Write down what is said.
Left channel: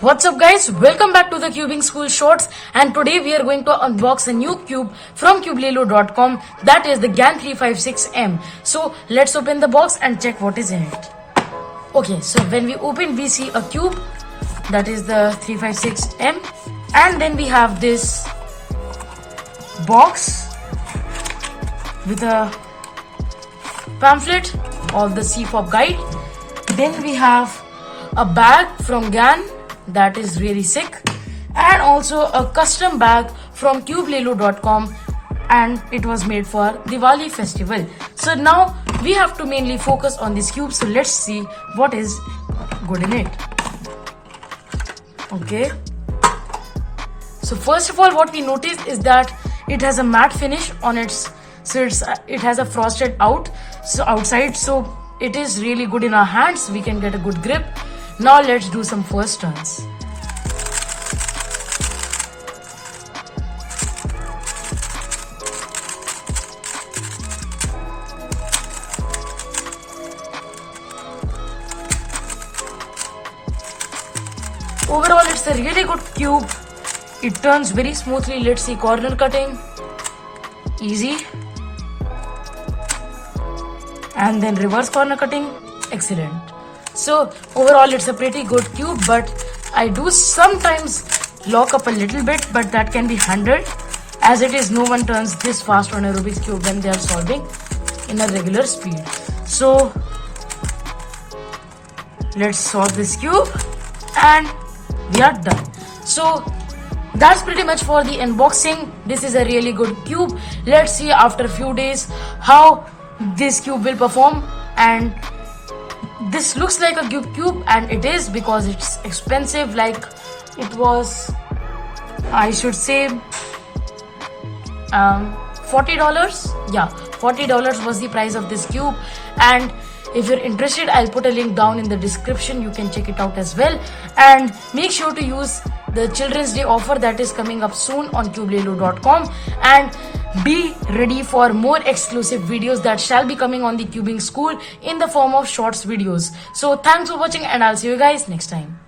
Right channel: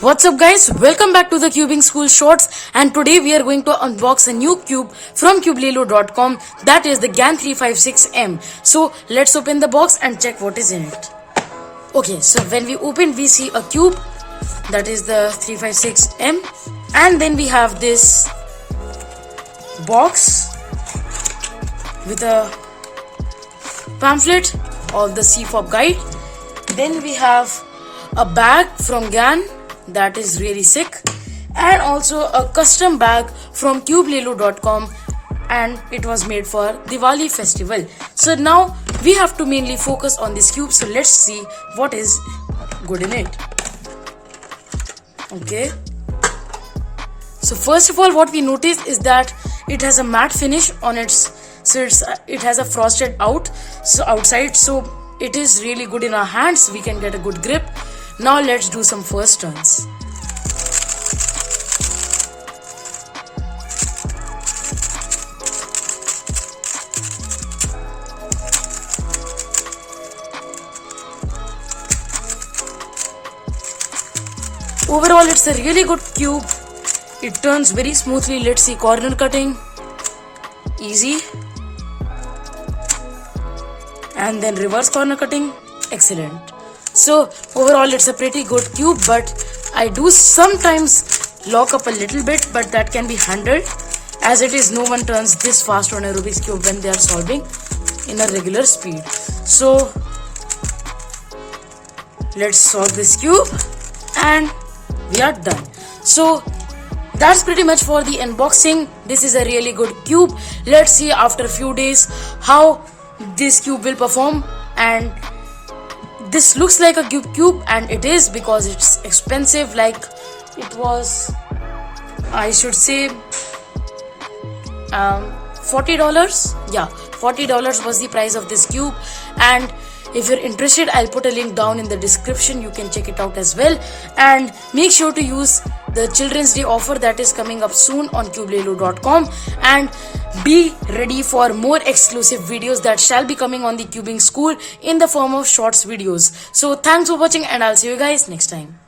What's up guys, welcome back to the Cubing School Shorts, and today we are going to unbox a new cube from Cubelelo.com, that is the GAN 356M. So let's open the box and check what is in it. Okay, so when we open we see a cube, that is the 356M, and then we have this box with a pamphlet of the CFOP guide. Then we have a bag from GAN that is really sick, and also a custom bag from Cubelelo.com, and it was made for Diwali festival. So now we have to mainly focus on this cube, so let's see what is good in it. Okay, so first of all what we notice is that it has a matte finish on its, it has a frosted outside, so it is really good in our hands. We can get a good grip. Now let's do some first turns. Overall it's a really good cube. It turns very smoothly. Let's see corner cutting. Easy. And then reverse corner cutting. Excellent. So overall it's a pretty good cube, but I do sometimes lock up a little bit, but that can be handled. As it is, no one turns this fast on a Rubik's cube when they are solving in a regular speed. So let's solve this cube and we are done. So that's pretty much for the unboxing. This is a really good cube. Let's see after a few days how this cube will perform. And this looks like a cube, and it is, because it's expensive. Like it was, I should say, $40. Yeah, $40 was the price of this cube. And if you're interested, I'll put a link down in the description. You can check it out as well. And make sure to use the Children's Day offer that is coming up soon on Cubelelo.com. And be ready for more exclusive videos that shall be coming on the Cubing School in the form of shorts videos. So thanks for watching, and I'll see you guys next time.